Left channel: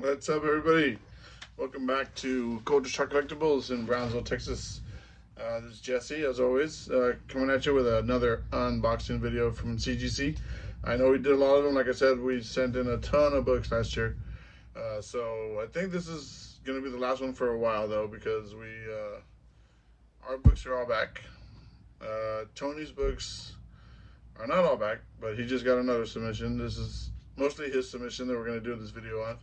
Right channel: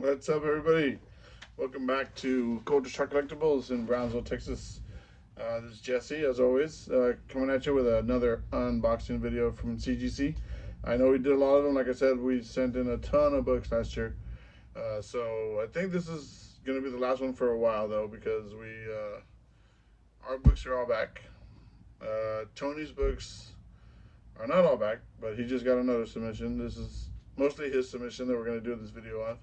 What's up, everybody? Welcome back to Culture Shark Collectibles in Brownsville, Texas. This is Jesse, as always, coming at you with another unboxing video from CGC. I know we did a lot of them. Like I said, we sent in a ton of books last year. So I think this is going to be the last one for a while, though, because our books are all back. Tony's books are not all back, but he just got another submission. This is mostly his submission that we're going to do this video on.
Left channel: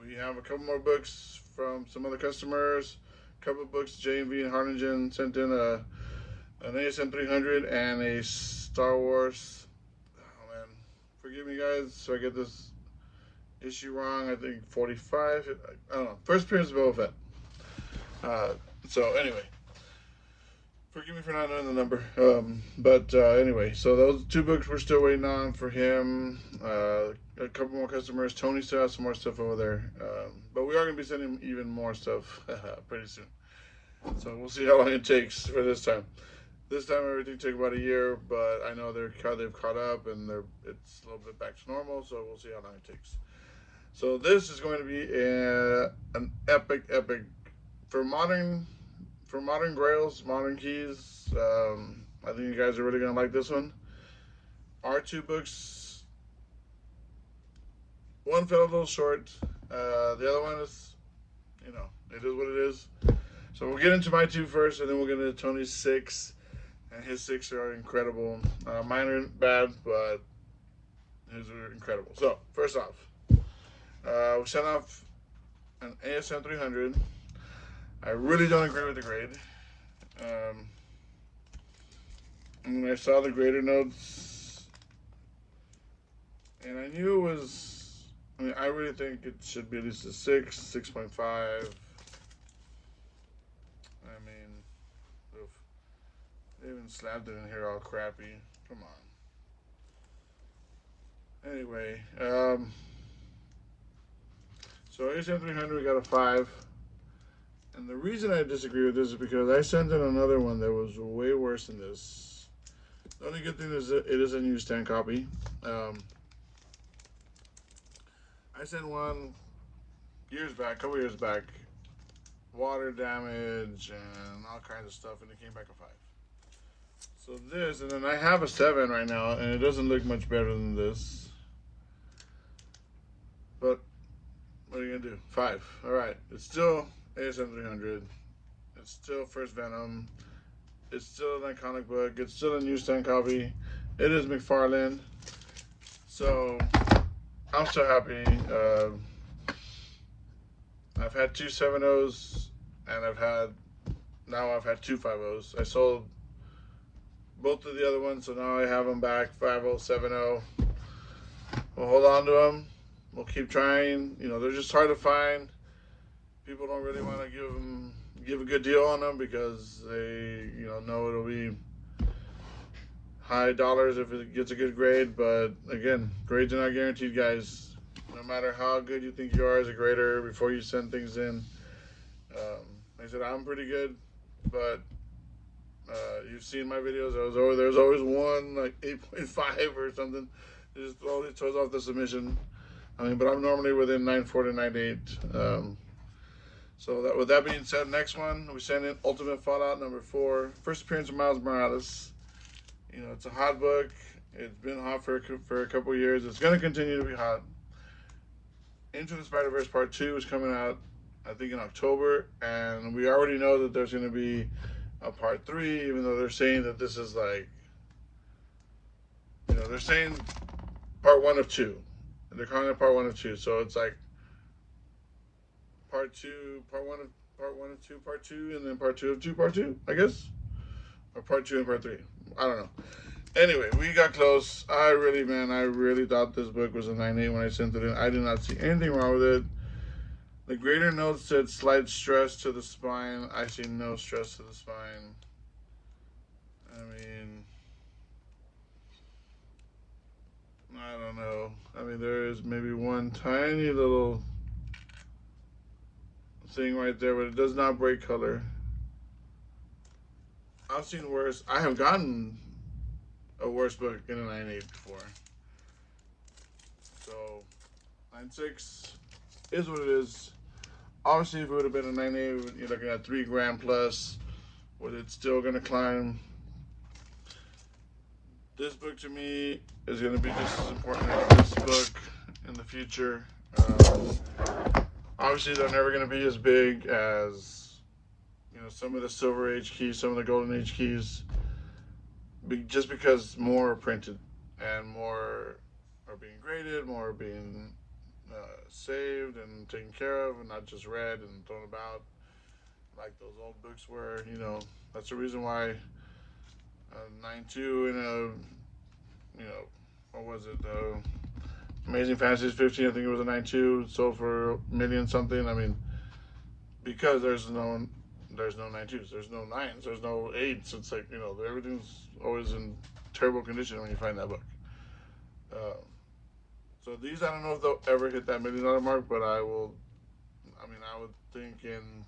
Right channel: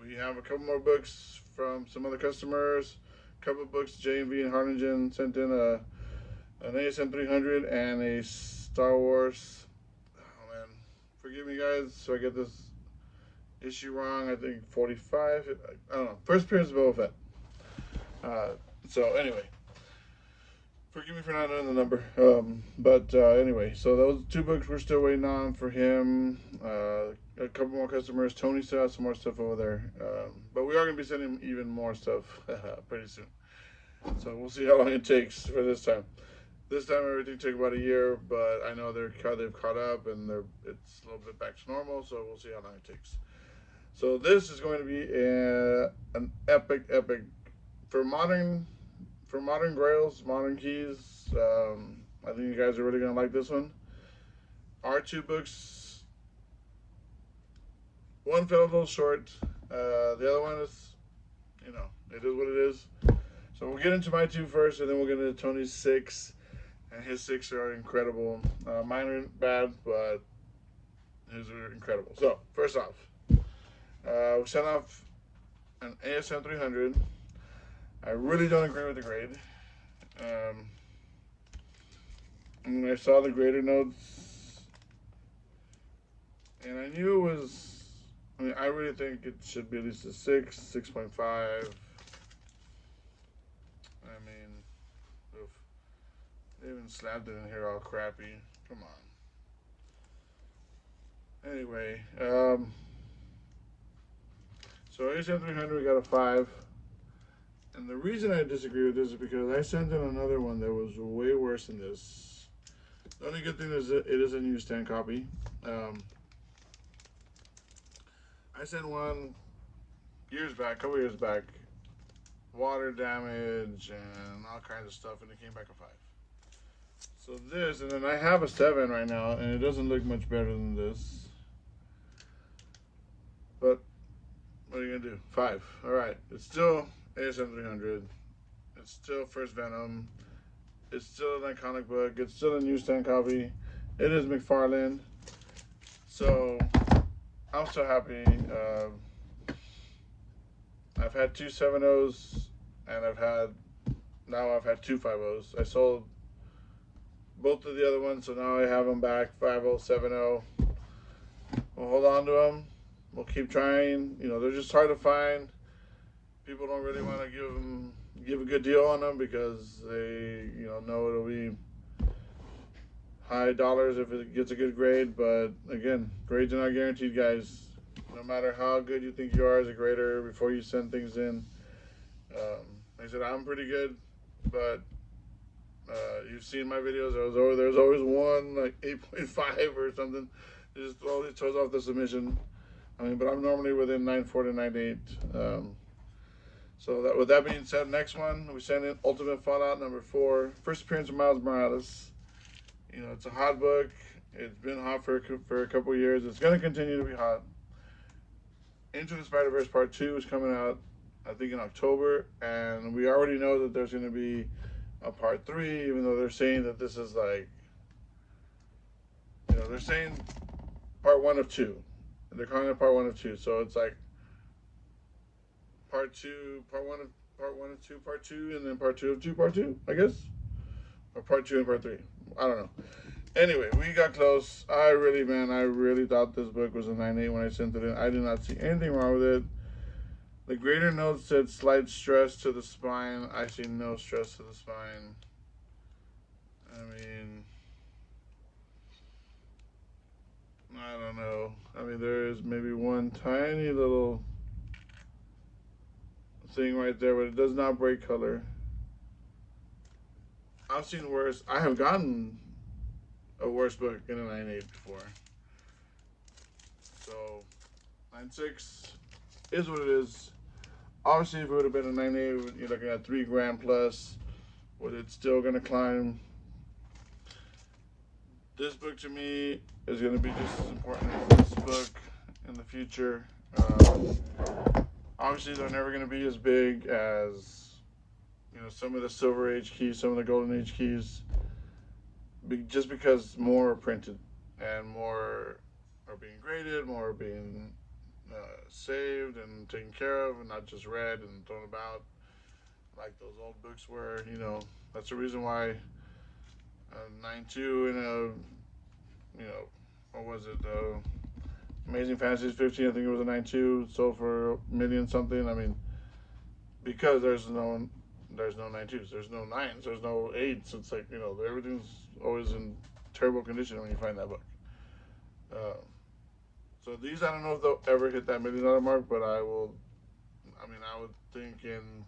We have a couple more books from some other customers. A couple of books, J&V and Harlingen sent in an ASM 300 and a Star Wars. Oh man, forgive me guys, so I get this issue wrong. I think 45. I don't know. First appearance of Boba Fett. So anyway, forgive me for not knowing the number. But anyway, so those two books we're still waiting on for him. A couple more customers. Tony still has some more stuff over there. But we are going to be sending even more stuff pretty soon. So we'll see how long it takes for this time. This time everything took about a year, but I know they've caught up and it's a little bit back to normal. So we'll see how long it takes. So this is going to be an epic for Modern Grails, Modern Keys. I think you guys are really gonna like this one. Our two books, one fell a little short. The other one is, it is what it is. So we'll get into my two first, and then we'll get into Tony's six, and his six are incredible. Mine are bad, but his are incredible. So first off, we sent off an ASM 300. I really don't agree with the grade. When I saw the grader notes, and I knew it was, I really think it should be at least a 6.5. Oof. They even slapped it in here all crappy. Come on. Anyway, so ASM 300, we got a 5. And the reason I disagree with this is because I sent in another one that was way worse than this. The only good thing is that it is a newsstand copy. I sent one a couple years back, water damage and all kinds of stuff, and it came back a 5. So this, and then I have a 7 right now, and it doesn't look much better than this. But what are you gonna do? 5. All right, it's still ASM 300. It's still First Venom. It's still an iconic book. It's still a newsstand copy. It is McFarlane. So I'm so happy. I've had two 7.0s, and I've had two 5.0s. I sold both of the other ones, so now I have them back, 5.0, 7.0. We'll hold on to them. We'll keep trying. They're just hard to find. People don't really want to give a good deal on them because they know it'll be high dollars if it gets a good grade. But again, grades are not guaranteed, guys. No matter how good you think you are as a grader before you send things in. Like I said, I'm pretty good, but you've seen my videos. There's always one like 8.5 or something. It just always throws off the submission. But I'm normally within 9.4 to 9.8. So with that being said, next one, we send in Ultimate Fallout number 4. First appearance of Miles Morales. It's a hot book. It's been hot for a couple years. It's going to continue to be hot. Into the Spider-Verse Part 2 is coming out, I think, in October. And we already know that there's going to be a Part 3, even though they're saying that this is like, they're saying Part 1 of 2. They're calling it Part 1 of 2. So it's like, Part 2, Part 1 of 2, Part 2, and then Part 2 of 2, Part 2, I guess? Or Part 2 and Part 3. I don't know. Anyway, we got close. I really thought this book was a 9.8 when I sent it in. I did not see anything wrong with it. The grader note said slight stress to the spine. I see no stress to the spine. I don't know. There is maybe one tiny little thing right there, but it does not break color. I've seen worse. I have gotten a worse book in a 9.8 before. So 9.6 is what it is. Obviously, if it would have been a 9.8, you're looking at 3 grand plus, but it's still going to climb. This book to me is going to be just as important as this book in the future. Obviously, they're never going to be as big as, you know, some of the Silver Age keys, some of the Golden Age keys, just because more are printed and more are being graded, more are being saved and taken care of, and not just read and thrown about like those old books were. You know, that's the reason why 9.2 and a, you know, what was it? Amazing Fantasies 15, I think it was a 9.2, sold for $1 million something. I mean, because there's no 9.2s, there's no 9s, there's no 8s. It's like, you know, everything's always in terrible condition when you find that book. So these, I don't know if they'll ever hit that $1 million mark, but I would think in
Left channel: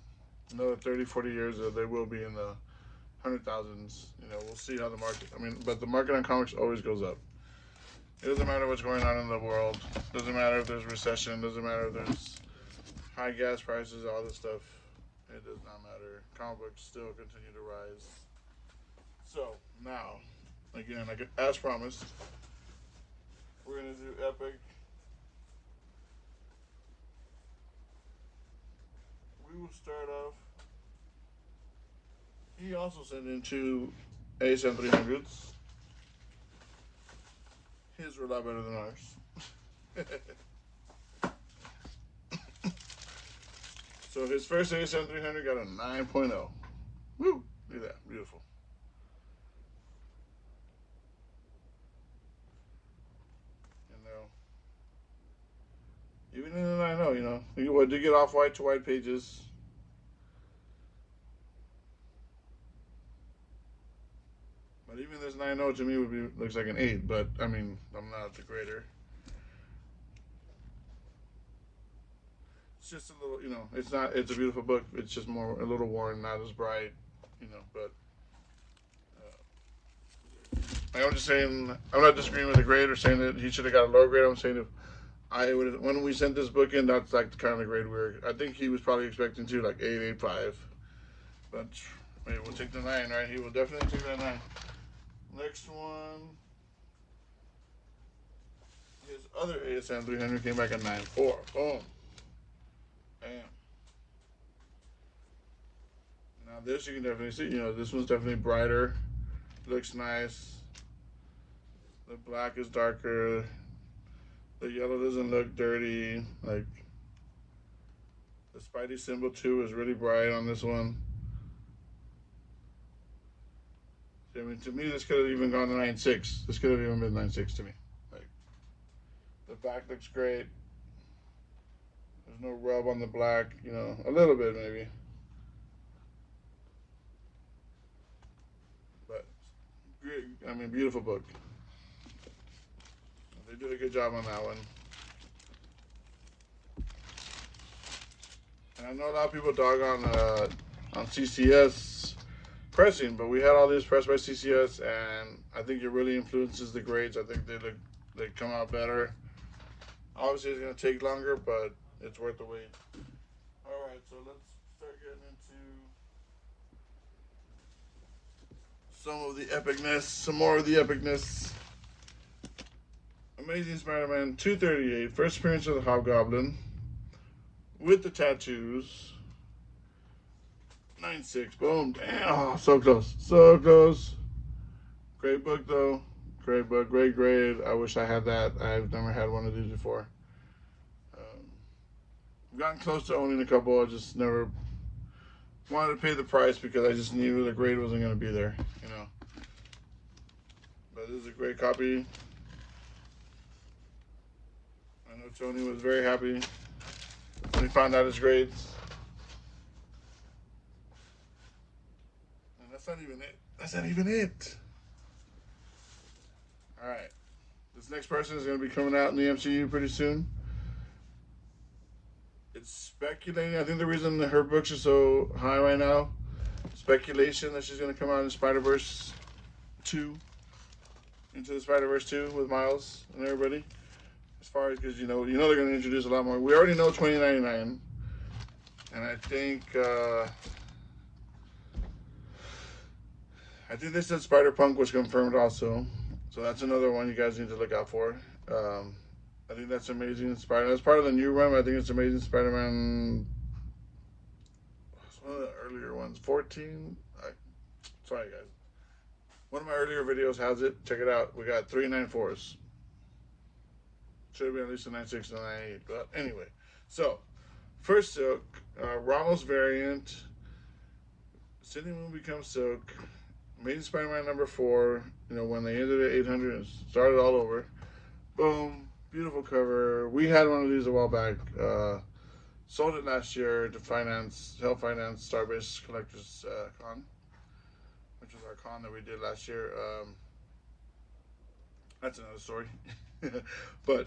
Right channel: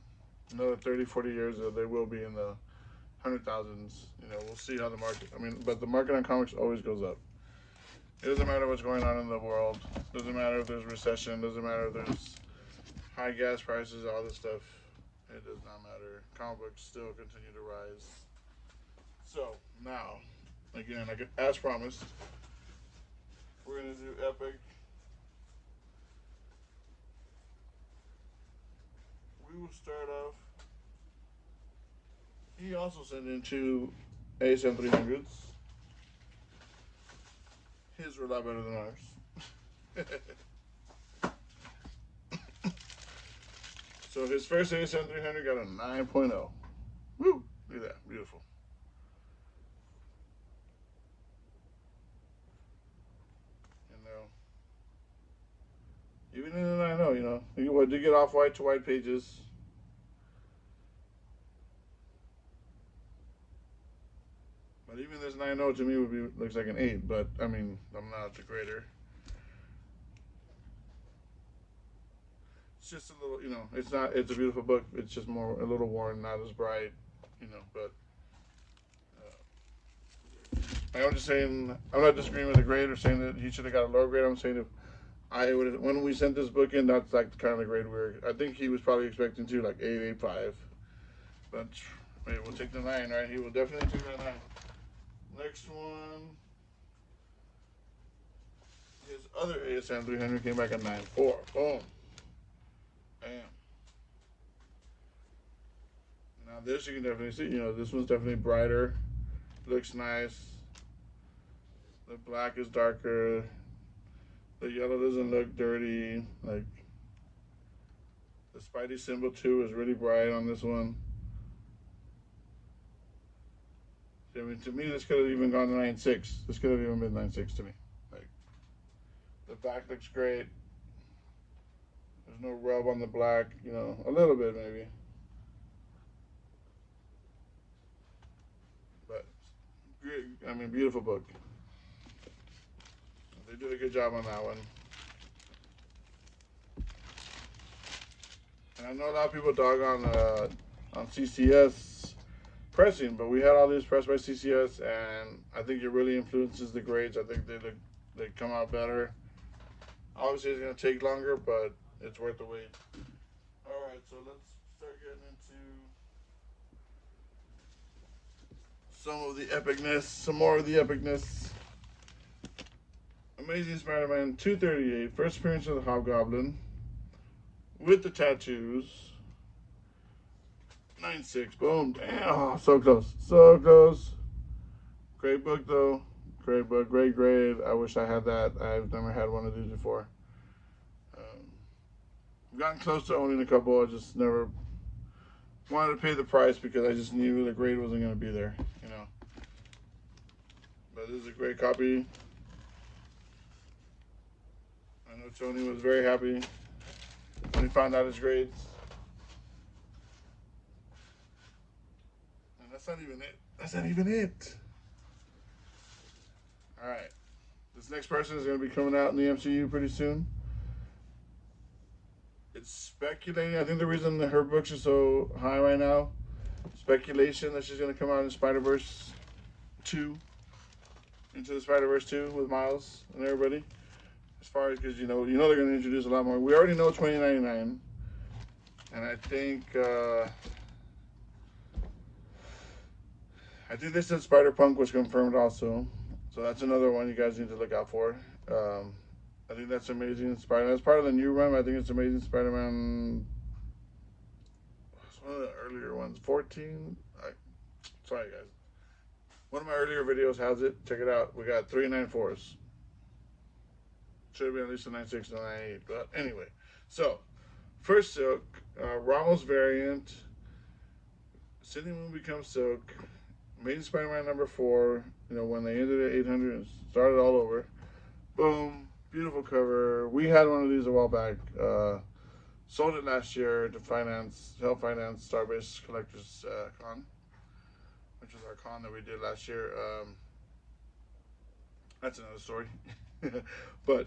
another 30, 40 years they will be in the 100,000s. You know, we'll see how the market, but the market on comics always goes up. It doesn't matter what's going on in the world. Doesn't matter if there's recession. Doesn't matter if there's high gas prices, all this stuff. It does not matter. Comic books still continue to rise. So now, again, as promised, we're gonna do Epic. We will start off. He also sent in 2 ASM 300s. His were a lot better than ours. So his first ASM 300 got a 9.0. Woo! Look at that, beautiful. Even in the 9.0, you know, you do get off white to white pages. But even this 9.0 to me looks like an 8. But I mean, I'm not the grader. It's just a little, you know, it's a beautiful book. It's just a little worn, not as bright, you know. But I'm just saying, I'm not disagreeing with the grade or saying that he should have got a lower grade. I'm saying when we sent this book in, that's like the kind of grade I think he was probably expecting to like 8, 8.5. But maybe we'll take the 9, right? He will definitely take that 9. Next one, his other ASM 300 came back at 9.4. Boom. Bam. Now this you can definitely see, you know, this one's definitely brighter. Looks nice. The black is darker. The yellow doesn't look dirty. Like, the Spidey symbol too is really bright on this one. I mean, to me, this could have even gone to 9.6. This could have even been 9.6 to me. Like, the back looks great. There's no rub on the black, you know, a little bit maybe. But, I mean, beautiful book. They did a good job on that one. And I know a lot of people dog on CCS pressing, but we had all these pressed by CCS, and I think it really influences the grades. I think they come out better. Obviously, it's going to take longer, but it's worth the wait. All right, so let's start getting into some of the epicness, some more of the epicness. Amazing Spider-Man 238, first appearance of the Hobgoblin, with the tattoos. 9.6, boom, damn, oh, so close, so close. Great book though, great book, great grade. I wish I had that. I've never had one of these before. I've gotten close to owning a couple. I just never wanted to pay the price because I just knew the grade wasn't going to be there, you know. But this is a great copy. I know Tony was very happy when he found out his grades. And that's not even it. That's not even it. All right. This next person is going to be coming out in the MCU pretty soon. It's speculating. I think the reason that her books are so high right now, speculation that she's going to come out in Spider-Verse 2. Into the Spider-Verse 2 with Miles and everybody. as far as, because you know they're going to introduce a lot more. We already know 2099, and I think they said Spider-Punk was confirmed also, so that's another one you guys need to look out for. I think that's Amazing Spider. That's part of the new run. I think it's Amazing Spider-Man. It's one of the earlier ones. 14. Sorry guys. One of my earlier videos has it. Check it out. We got 3 9/4s. Should have been at least a 9/6 and a 9/8. But anyway, so first Silk, Ramos variant. Cindy Moon becomes Silk. Amazing Spider-Man #4. You know, when they ended at 800 and started all over. Boom. Beautiful cover. We had one of these a while back. Sold it last year to help finance Starbase Collectors Con, which was our con that we did last year. That's another story. But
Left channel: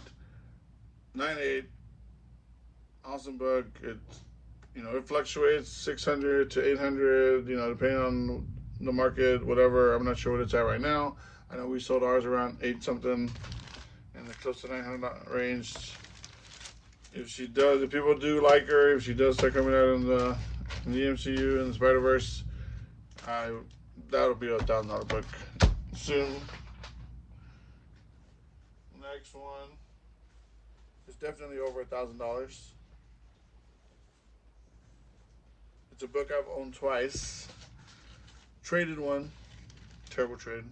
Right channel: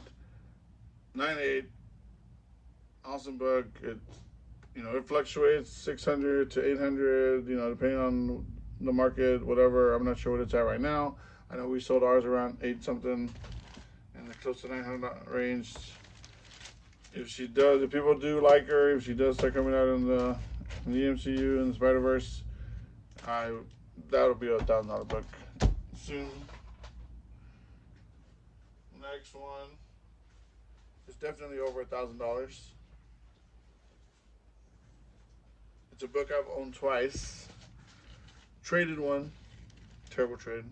9/8, awesome book. It fluctuates 600 to 800. Depending on the market, whatever. I'm not sure what it's at right now. I know we sold ours around 8 something. Close to 900 range. If people do like her, if she does start coming out in the MCU and the Spider-Verse, that'll be a $1,000 book soon. Next one is definitely over $1,000. It's a book I've owned twice. Traded one. Terrible trade.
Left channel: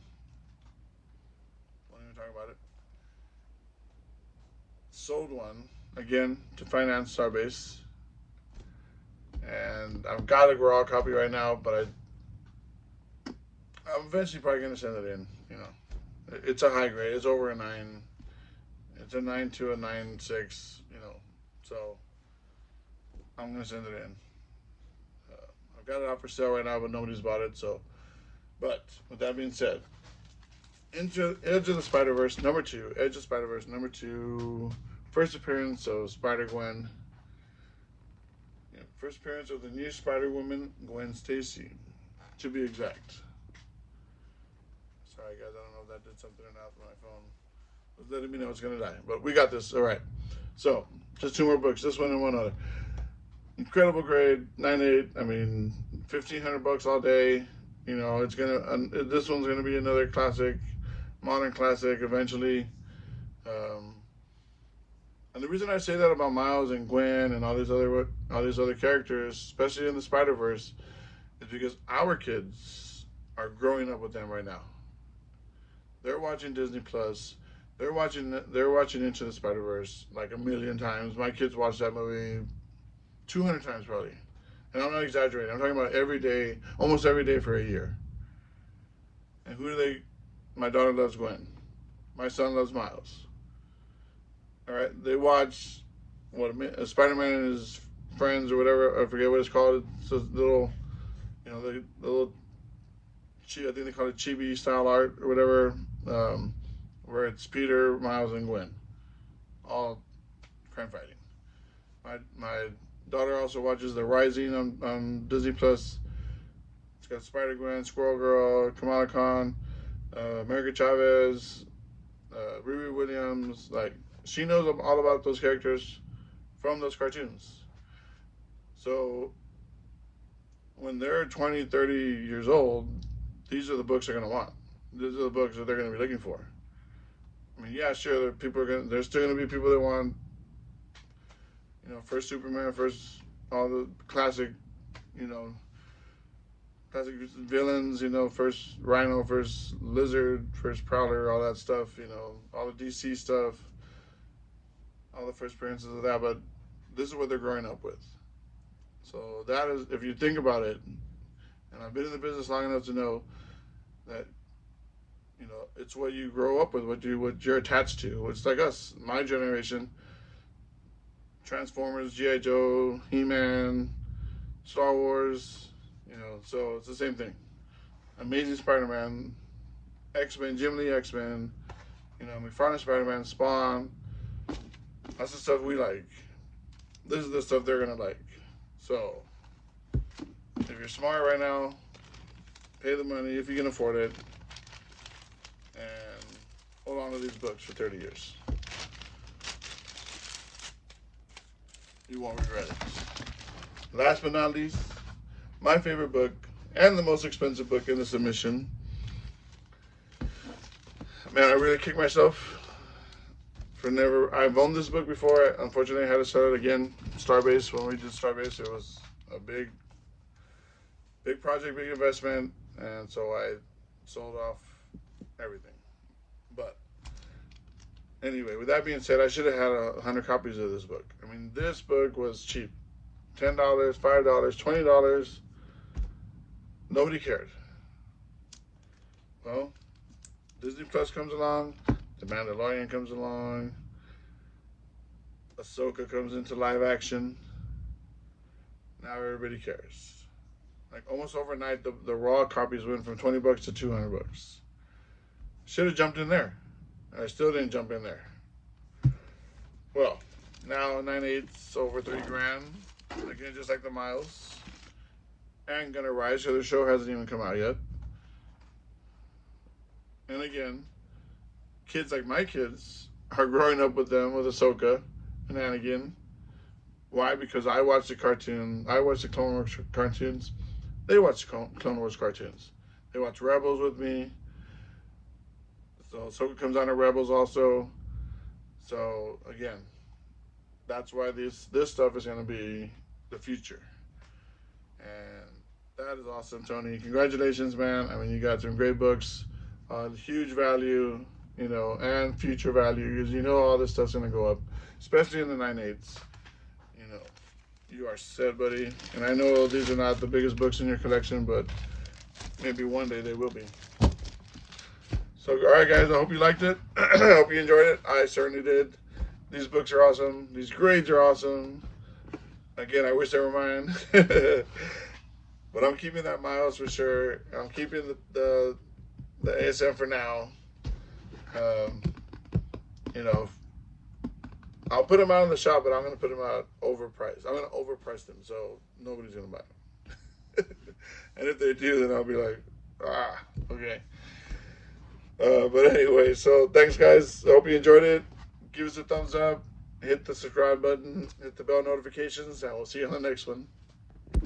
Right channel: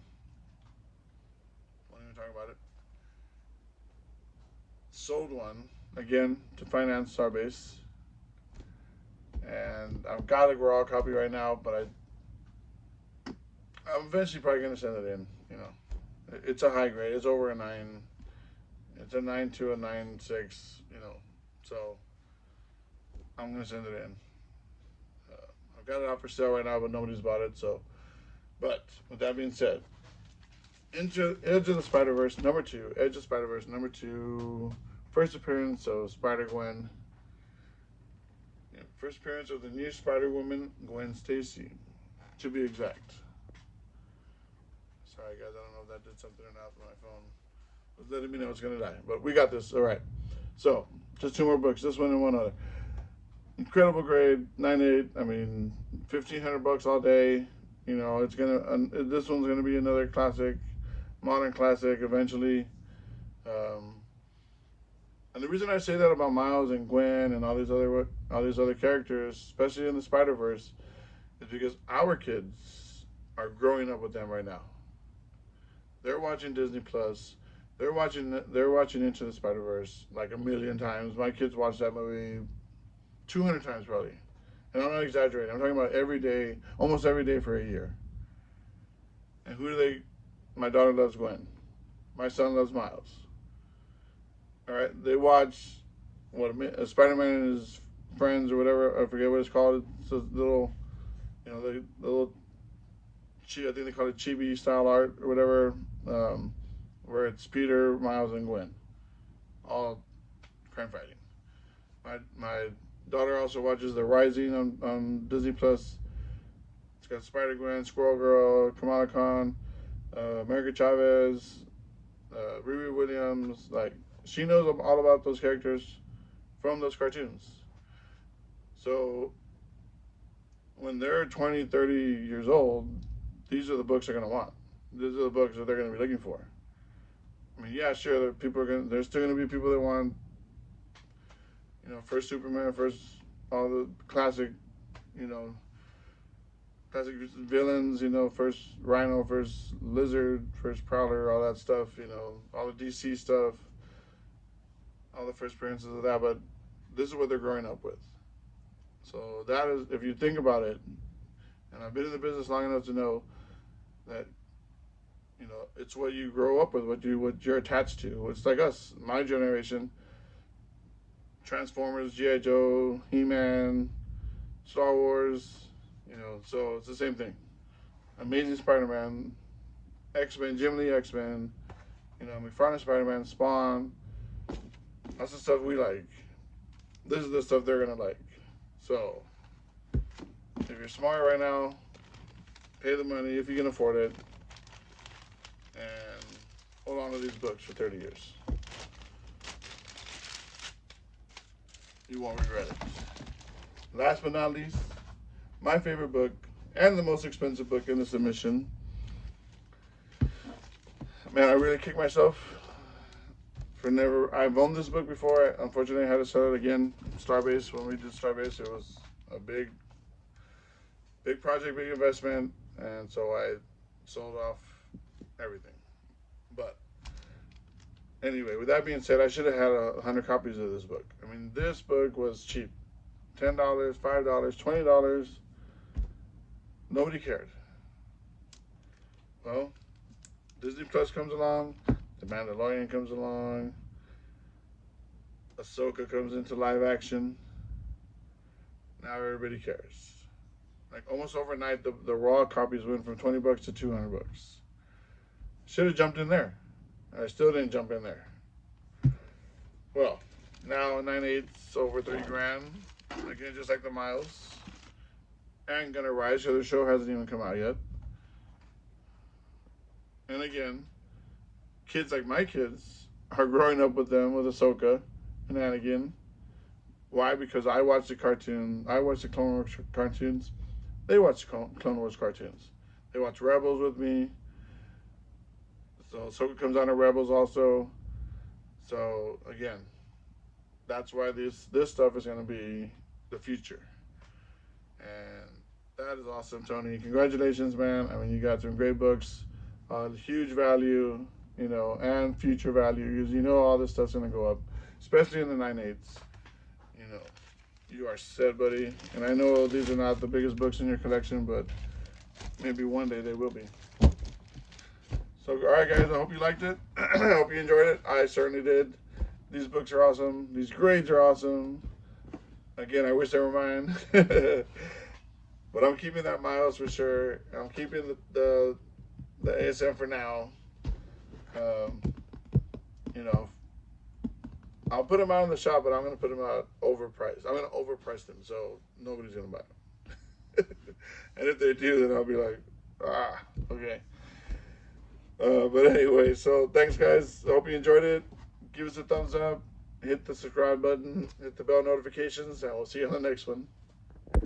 Won't even talk about it. Sold one again to finance Starbase, and I've got a raw copy right now, but I'm eventually probably gonna send it in. It's a high grade. It's over a 9. It's a 9 to a 9.6. So I'm gonna send it in. I've got it out for sale right now, but nobody's bought it. But with that being said, Edge of the Spider-Verse #2. Edge of Spider-Verse #2. First appearance of Spider-Gwen. First appearance of the new Spider-Woman, Gwen Stacy, to be exact. Sorry guys, I don't know if that did something or not with my phone. It's letting me know it's gonna die, but we got this. All right. So just 2 more books. This one and one other. Incredible grade, 9/8. I mean, $1,500 all day. It's gonna. This one's gonna be another classic, modern classic eventually. And the reason I say that about Miles and Gwen and all these other characters, especially in the Spider-Verse, is because our kids are growing up with them right now. They're watching Disney Plus. They're watching Into the Spider-Verse like 1,000,000 times. My kids watch that movie 200 times probably. And I'm not exaggerating. I'm talking about every day, almost every day for a year. And who do they? My daughter loves Gwen. My son loves Miles. All right, they watch Spider-Man and his friends or whatever. I forget what it's called. It's a little, the little. I think they call it chibi style art or whatever, where it's Peter, Miles, and Gwen, all crime fighting. My daughter also watches The Rising on Disney Plus. It's got Spider-Gwen, Squirrel Girl, Kamala Khan, America Chavez, Riri Williams. Like, she knows all about those characters from those cartoons. So when they're 20, 30 years old, these are the books they're going to want. These are the books that they're going to be looking for. I mean, yeah, sure, there's still going to be people that want, first Superman, first all the classic, classic villains, first Rhino, first Lizard, first Prowler, all that stuff, all the DC stuff, all the first appearances of that. But this is what they're growing up with. So that is, if you think about it, and I've been in the business long enough to know that, it's what you grow up with, what you're attached to. It's like us, my generation. Transformers, G.I. Joe, He-Man, Star Wars, so it's the same thing. Amazing Spider-Man, X-Men, Jim Lee X-Men, McFarlane Spider-Man, Spawn. That's the stuff we like. This is the stuff they're gonna like. So, if you're smart right now, pay the money if you can afford it, and hold on to these books for 30 years. You won't regret it. Last but not least, my favorite book and the most expensive book in the submission. Man, I really kicked myself for never. I've owned this book before. Unfortunately, I had to sell it again. Starbase, when we did Starbase, it was a big project, big investment, and so I sold off everything. But anyway, with that being said, I should have had 100 copies of this book. I mean, this book was cheap. $10, $5, $20. Nobody cared. Well, Disney Plus comes along, The Mandalorian comes along, Ahsoka comes into live action. Now everybody cares. Like almost overnight, the raw copies went from 20 bucks to 200 bucks. Should have jumped in there. I still didn't jump in there. Well, now 9/8 over 3 grand. Again, just like the miles. And gonna rise. The other show hasn't even come out yet. And again, kids like my kids are growing up with them, with Ahsoka and Anakin. Why? Because I watch the cartoon. I watch the Clone Wars cartoons. They watch Clone Wars cartoons. They watch Rebels with me. So Ahsoka comes on to Rebels also. So again, that's why this stuff is going to be the future. And that is awesome, Tony. Congratulations, man. I mean, you got some great books. Huge value, you know, and future value, because you know all this stuff's going to go up, especially in the 9/8. You know, you are set, buddy. And I know these are not the biggest books in your collection, but maybe one day they will be. So, all right, guys, I hope you liked it. I hope you enjoyed it. I certainly did. These books are awesome. These grades are awesome. Again, I wish they were mine. But I'm keeping that miles for sure. I'm keeping the ASM for now. You know, I'll put them out in the shop, but I'm going to put them out overpriced. I'm going to overprice them, so nobody's going to buy them. And if they do, then I'll be like, okay. But anyway, so thanks, guys. I hope you enjoyed it. Give us a thumbs up. Hit the subscribe button. Hit the bell notifications, and we'll see you on the next one.